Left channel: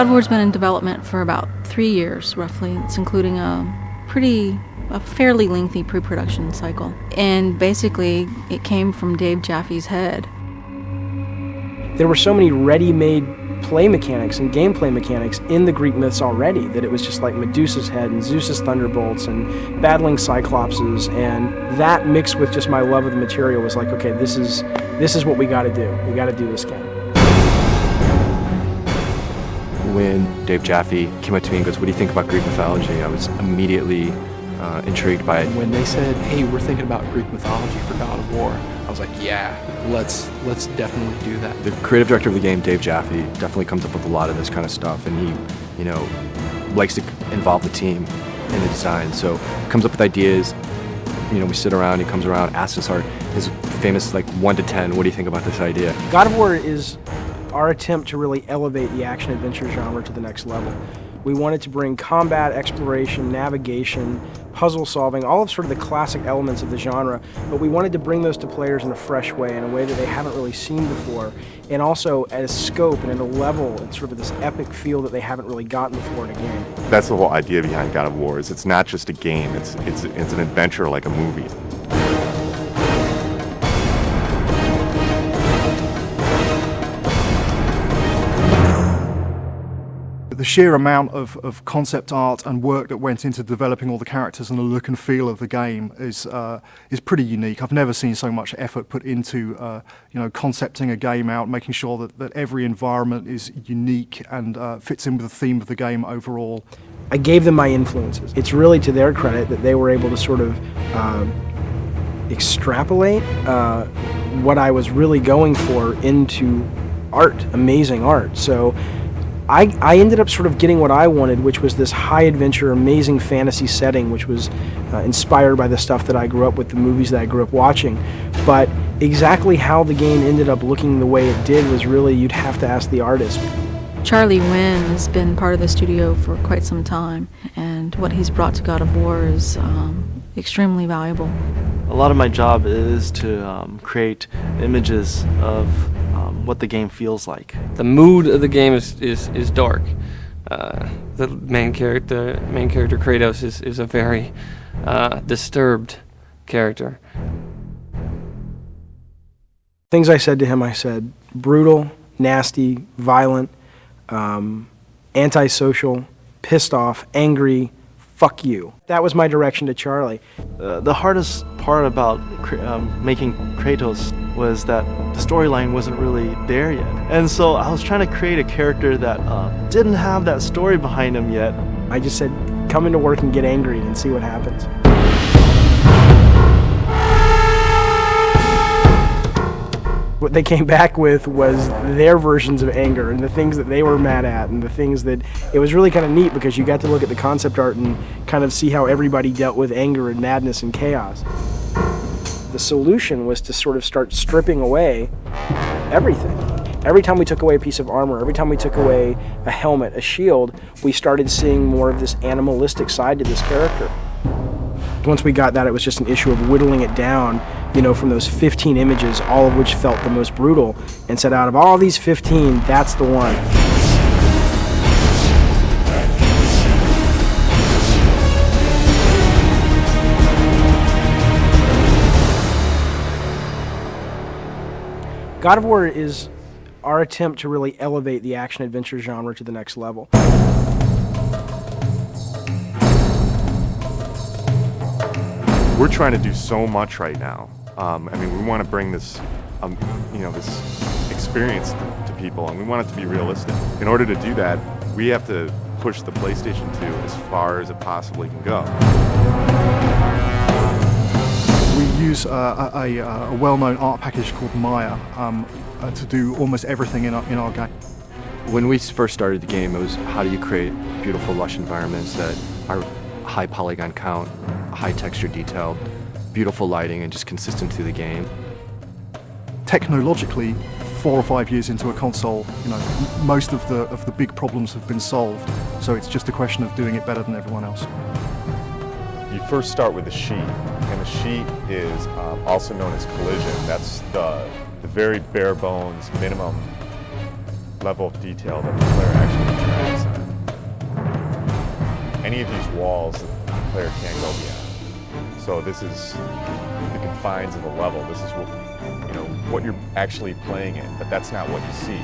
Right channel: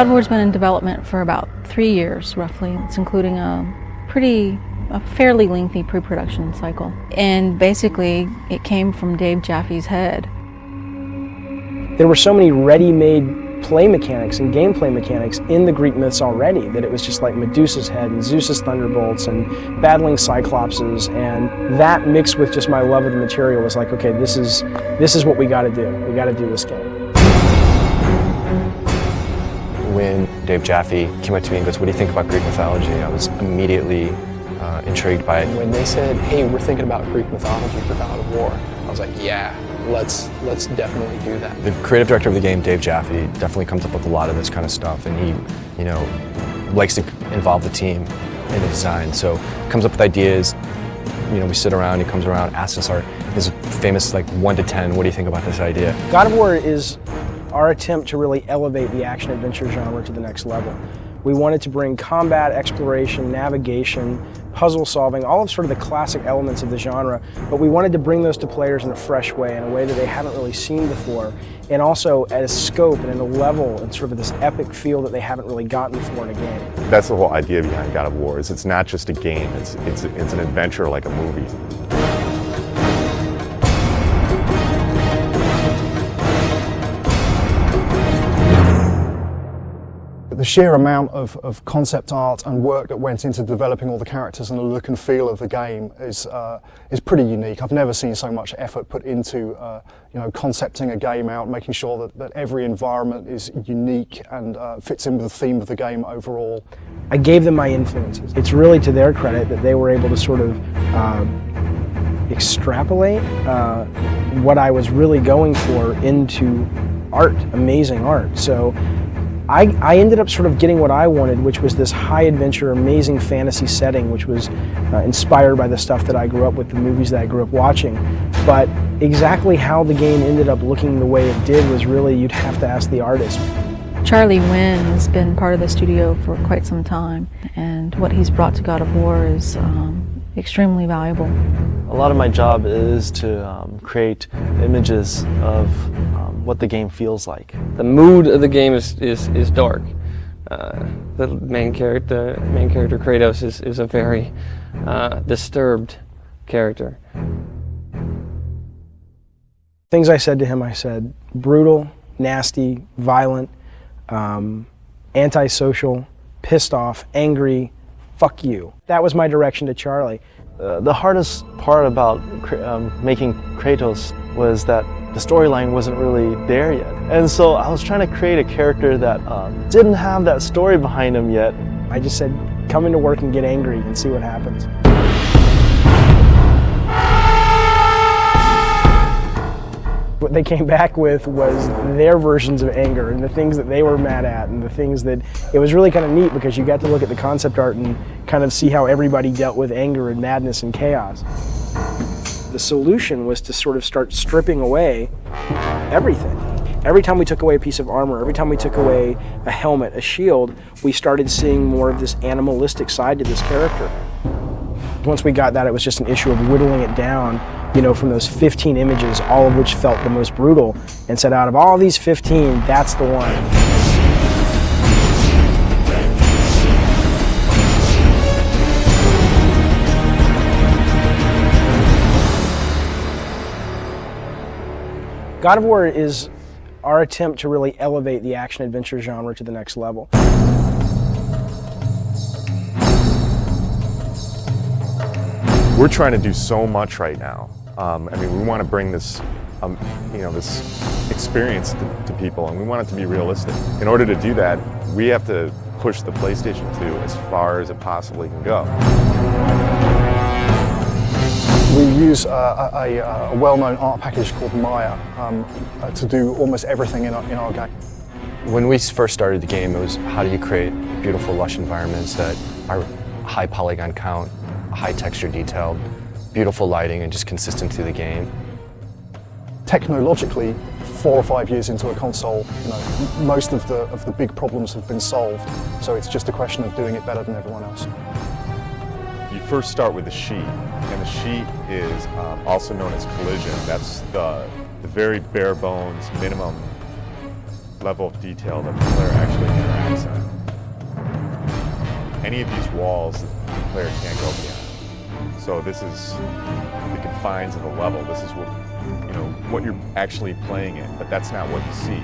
God of War's been in development for about 3 years, roughly. It's including a fairly lengthy pre-production cycle. And basically, it came from Dave Jaffe's head. There were so many ready-made play mechanics and gameplay mechanics in the Greek myths already that it was just like Medusa's head and Zeus's thunderbolts and battling Cyclopses, and that mixed with just my love of the material was like, okay, this is what we got to do. We got to do this game. When Dave Jaffe came up to me and goes, "What do you think about Greek mythology?" I was immediately intrigued by it. When they said, "Hey, we're thinking about Greek mythology for God of War," I was like, "Yeah, let's definitely do that." The creative director of the game, Dave Jaffe, definitely comes up with a lot of this kind of stuff, and he, likes to involve the team in the design. So comes up with ideas. We sit around. He comes around, asks us this famous 1 to 10. What do you think about this idea? God of War is our attempt to really elevate the action-adventure genre to the next level. We wanted to bring combat, exploration, navigation, puzzle solving, all of sort of the classic elements of the genre, but we wanted to bring those to players in a fresh way, in a way that they haven't really seen before, and also at a scope and at a level and sort of this epic feel that they haven't really gotten before in a game. That's the whole idea behind God of War. Is it's not just a game, it's an adventure like a movie. The sheer amount of concept art and work that went into developing all the characters and the look and feel of the game is pretty unique. I've never seen so much effort put into concepting a game out, making sure that every environment is unique and fits in with the theme of the game overall. I gave them my influences. It's really to their credit that they were able to sort of extrapolate what I was really going for into art, amazing art. So I ended up sort of getting what I wanted, which was this high adventure, amazing fantasy setting, which was inspired by the stuff that I grew up with, the movies that I grew up watching. But exactly how the game ended up looking the way it did was really, you'd have to ask the artist. Charlie Wynn has been part of the studio for quite some time, and what he's brought to God of War is extremely valuable. A lot of my job is to create images of what the game feels like. The mood of the game is dark. The main character Kratos is a very disturbed character. Things I said to him, I said brutal, nasty, violent, antisocial, pissed off, angry, fuck you. That was my direction to Charlie. The hardest part about making Kratos was that the storyline wasn't really there yet. And so I was trying to create a character that didn't have that story behind him yet. I just said, come into work and get angry and see what happens. What they came back with was their versions of anger and the things that they were mad at and the things that, it was really kind of neat because you got to look at the concept art and kind of see how everybody dealt with anger and madness and chaos. The solution was to sort of start stripping away everything. Every time we took away a piece of armor, every time we took away a helmet, a shield, we started seeing more of this animalistic side to this character. Once we got that, it was just an issue of whittling it down, from those 15 images, all of which felt the most brutal, and said out of all these 15, that's the one. God of War is our attempt to really elevate the action-adventure genre to the next level. We're trying to do so much right now. We want to bring this, this experience to people, and we want it to be realistic. In order to do that, we have to push the PlayStation 2 as far as it possibly can go. We use a well-known art package called Maya to do almost everything in our game. When we first started the game, it was how do you create beautiful, lush environments that are high polygon count, high texture detail, beautiful lighting, and just consistent through the game. Technologically, 4 or 5 years into a console, most of the big problems have been solved. So it's just a question of doing it better than everyone else. You first start with the sheet, and the sheet is also known as collision. That's the very bare bones minimum level of detail that the player actually interacts on. Any of these walls the player can't go beyond. So this is the confines of the level. This is what you're actually playing in, but that's not what you see.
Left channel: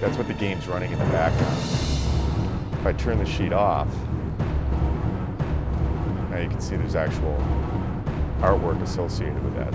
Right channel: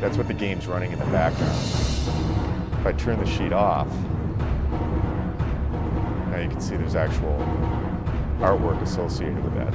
That's what the game's running in the background. If I turn the sheet off, now you can see there's actual artwork associated with that.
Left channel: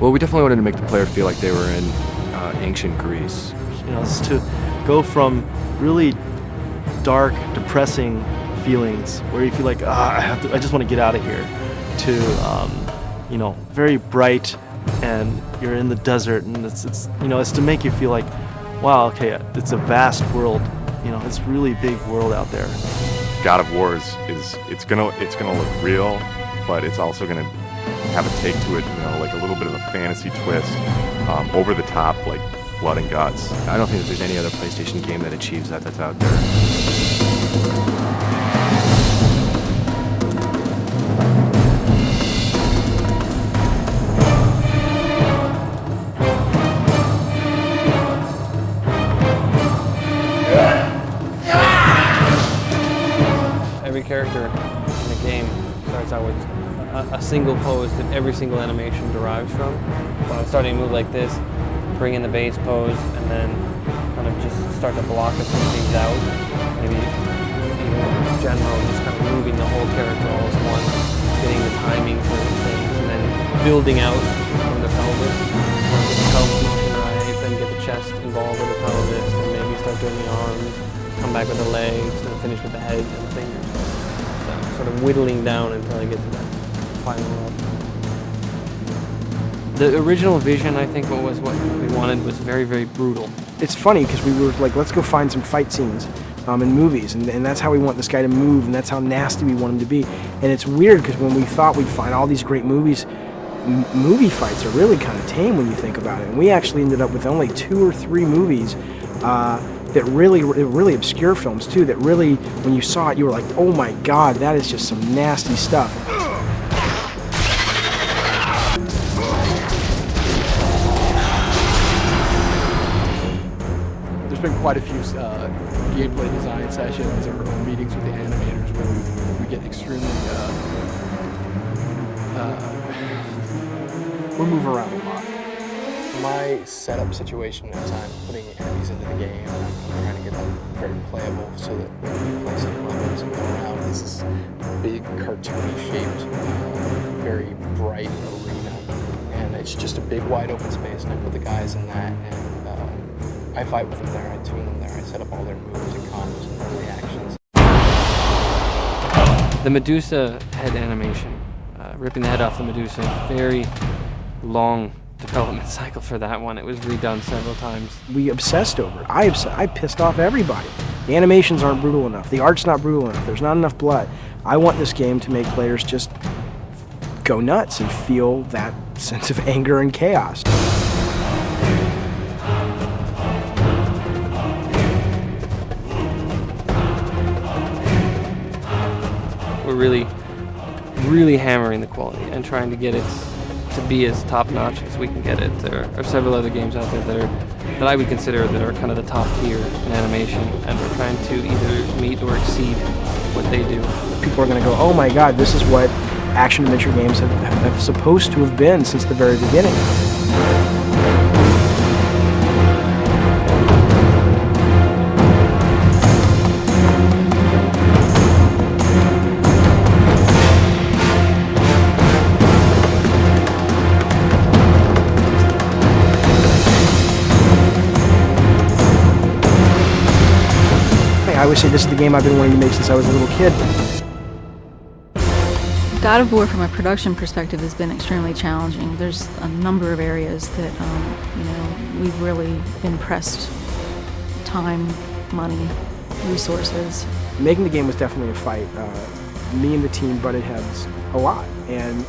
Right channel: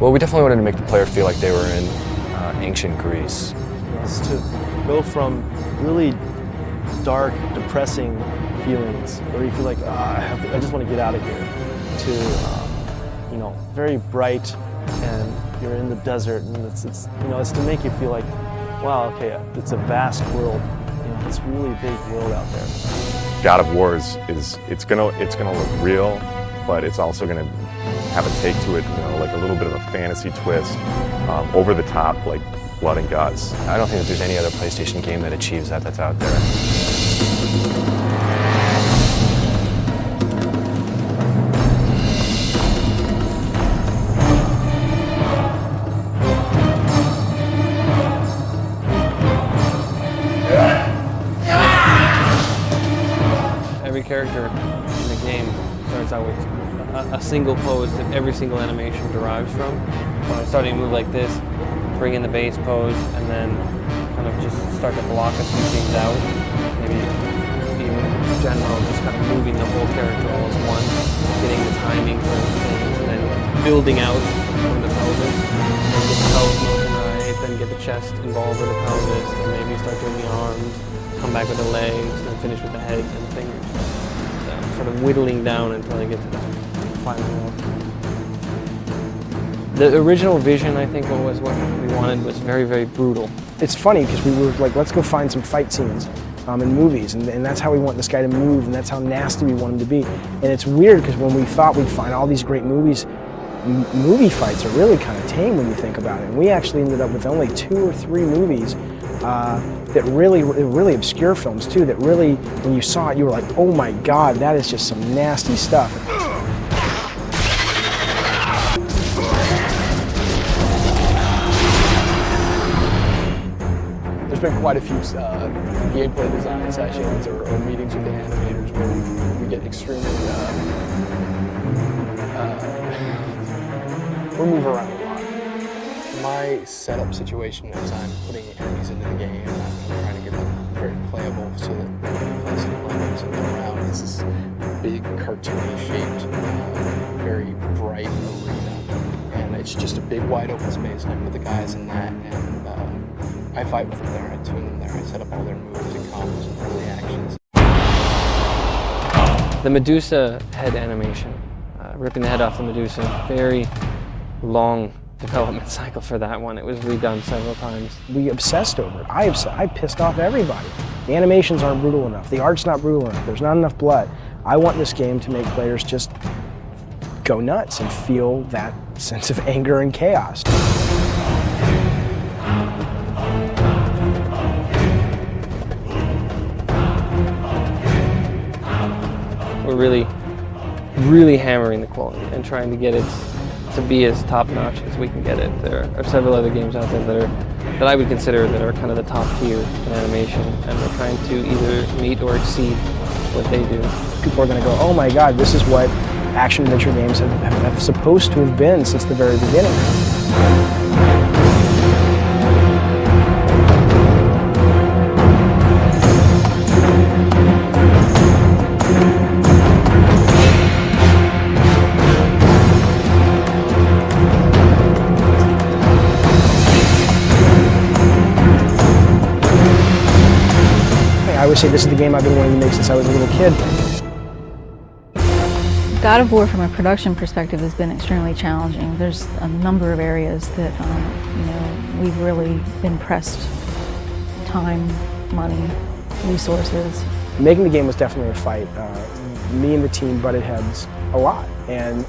Well, we definitely wanted to make the player feel like they were in ancient Greece. It's to go from really dark, depressing feelings where you feel like I just want to get out of here, to very bright, and you're in the desert, and it's to make you feel like, wow, okay, it's a vast world, it's a really big world out there. GodOfWar it's gonna look real, but it's also gonna have a take to it, like a little bit of a fantasy twist, over the top, like blood and guts. I don't think there's any other PlayStation game that achieves that that's out there. Every character in the game starts out with a single pose that every single animation derives from. So I'm starting to move like this, bring in the base pose, and then kind of just start to block a few things out. Maybe even in general, just kind of moving the whole character all as one, getting the timing for things, and then building out from the pelvis. Then get the pelvis motion right, then get the chest involved with the pelvis, and maybe start doing the arms, come back with the legs, and then finish with the head and the fingers. So sort of whittling down until I get to that final world. The original vision, I think, what we wanted was very, very brutal. It's funny because we were like, let's go find some fight scenes in movies, and that's how we want this guy to move, and that's how nasty we want him to be. And it's weird because when we thought we'd find all these great movies, movie fights are really kind of tame when you think about it. And we actually ended up with only 2 or 3 movies that really obscure films too, that really, when you saw it, you were like, oh my God, that is just some nasty stuff. There's been quite a few gameplay design sessions or meetings with the animators where we get extremely, we move around a lot. My setup situation is I'm putting enemies into the game and I'm trying to get them very playable so that they can play some levels and go around. It's this big cartoony shaped, very bright arena, and it's just a big wide open space, and I put the guys in that, and I fight with them there, I tune them there, I set up all their moves and combos and early actions. The Medusa head animation, ripping the head off the Medusa, very long development cycle for that one. It was redone several times. We obsessed over it. I pissed off everybody. The animations aren't brutal enough. The art's not brutal enough. There's not enough blood. I want this game to make players just go nuts and feel that sense of anger and chaos. We're really hammering the quality and trying to get it to be as top-notch as we can get it. There are several other games out there that I would consider that are kind of the top tier in animation, and we're trying to either meet or exceed what they do. People are going to go, oh my God, this is what action-adventure games have supposed to have been since the very beginning. I always say this is the game I've been wanting to make since I was a little kid. GodOfWar, from a production perspective, has been extremely challenging. There's a number of areas that we've really impressed: time, money, resources. Making the game was definitely a fight. Me and the team butted heads a lot, and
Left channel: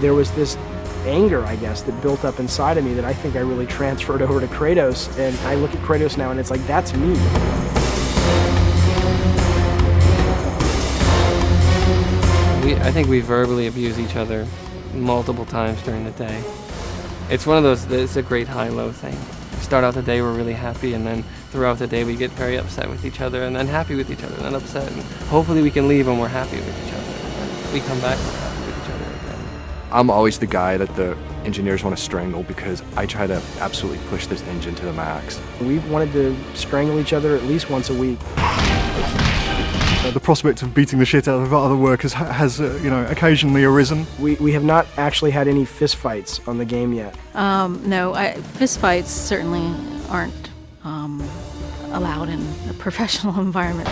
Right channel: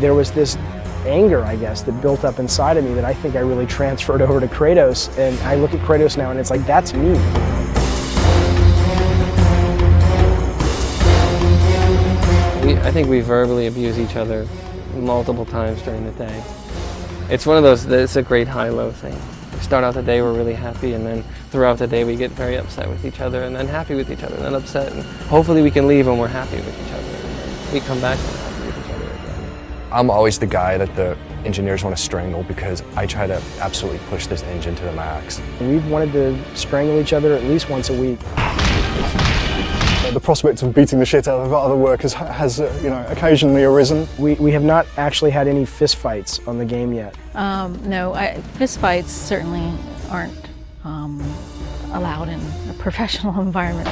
there was this anger, I guess, that built up inside of me that I think I really transferred over to Kratos. And I look at Kratos now, and it's like, that's me. I think we verbally abuse each other multiple times during the day. It's one of those, it's a great high-low thing. start out the day we're really happy, and then throughout the day we get very upset with each other, and then happy with each other, and then upset. And hopefully we can leave when we're happy with each other. We come back and happy with each other again. I'm always the guy that the engineers want to strangle because I try to absolutely push this engine to the max. We've wanted to strangle each other at least once a week. The prospect of beating the shit out of other workers has occasionally arisen. We have not actually had any fist fights on the game yet. No, fist fights certainly aren't allowed in a professional environment.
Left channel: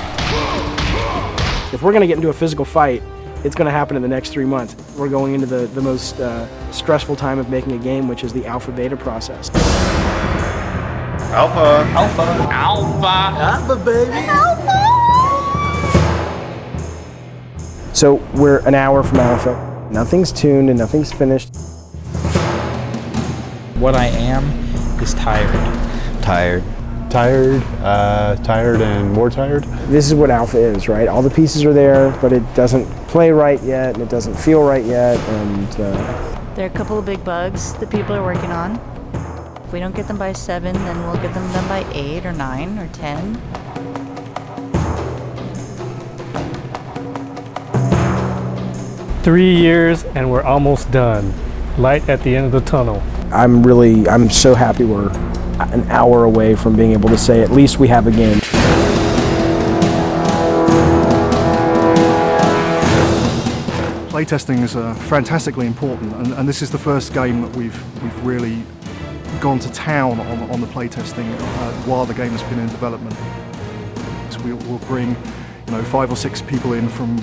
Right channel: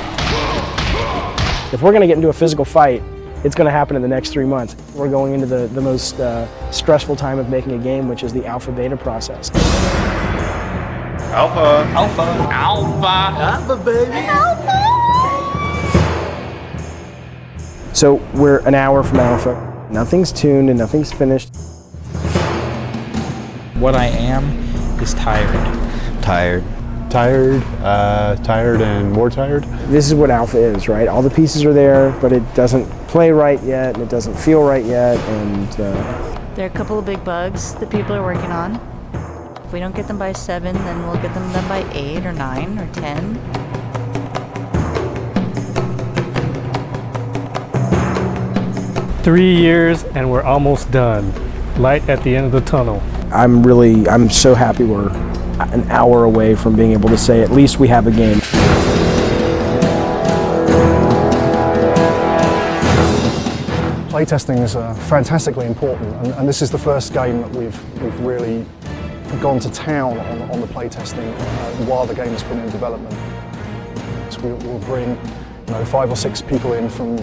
If we're going to get into a physical fight, it's going to happen in the next 3 months. We're going into the most stressful time of making a game, which is the alpha-beta process. Alpha! Alpha! Alpha! Alpha, baby! Alpha! So we're an hour from alpha. Nothing's tuned and nothing's finished. What I am is tired. Tired. Tired, tired and more tired. This is what alpha is, right? All the pieces are there, but it doesn't play right yet, and it doesn't feel right yet, and... There are a couple of big bugs that people are working on. If we don't get them by 7, then we'll get them done by 8 or 9 or 10. Three years and we're almost done. Light at the end of the tunnel. I'm so happy we're an hour away from being able to say at least we have a game. Playtesting is fantastically important, and this is the first game that we've really gone to town on the playtesting while the game has been in development. So we'll bring 5 or 6 people in from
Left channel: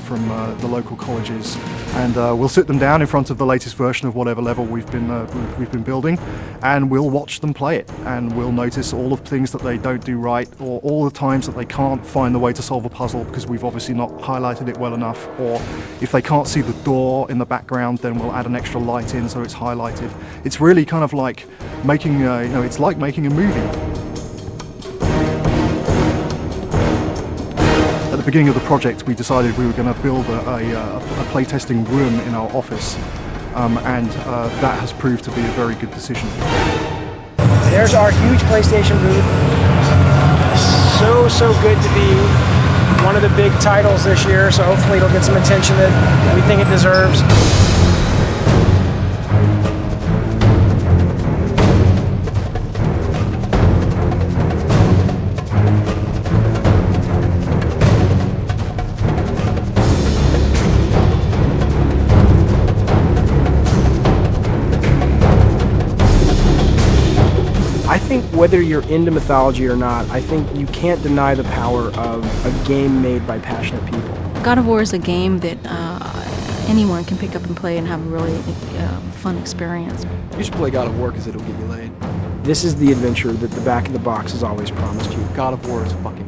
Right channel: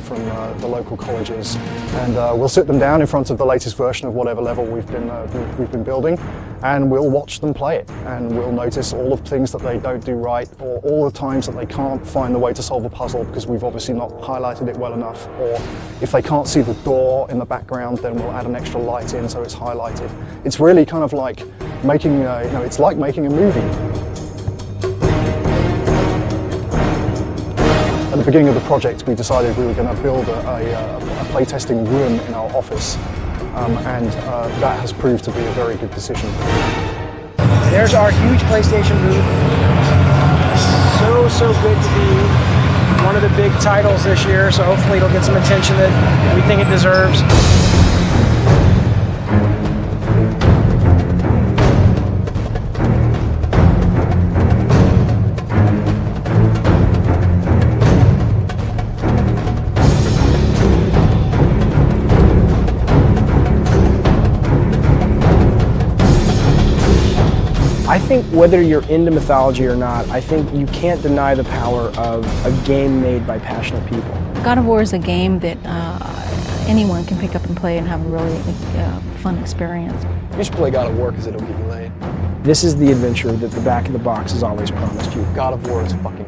the local colleges, and we'll sit them down in front of the latest version of whatever level we've been building, and we'll watch them play it, and we'll notice all of the things that they don't do right, or all the times that they can't find the way to solve a puzzle because we've obviously not highlighted it well enough, or if they can't see the door in the background, then we'll add an extra light in so it's highlighted. It's really kind of like making it's like making a movie. At the beginning of the project, we decided we were going to build a playtesting room in our office, and that has proved to be a very good decision. There's our huge PlayStation booth. So good to be one of the big titles this year, so hopefully it'll get some attention that we think it deserves. I think whether you're into mythology or not, I think you can't deny the power of a game made by passionate people. God of War is a game that anyone can pick up and play and have a really fun experience. You should play God of War because it'll get you laid. This is the adventure that the back of the box has always promised you. God of War is fucking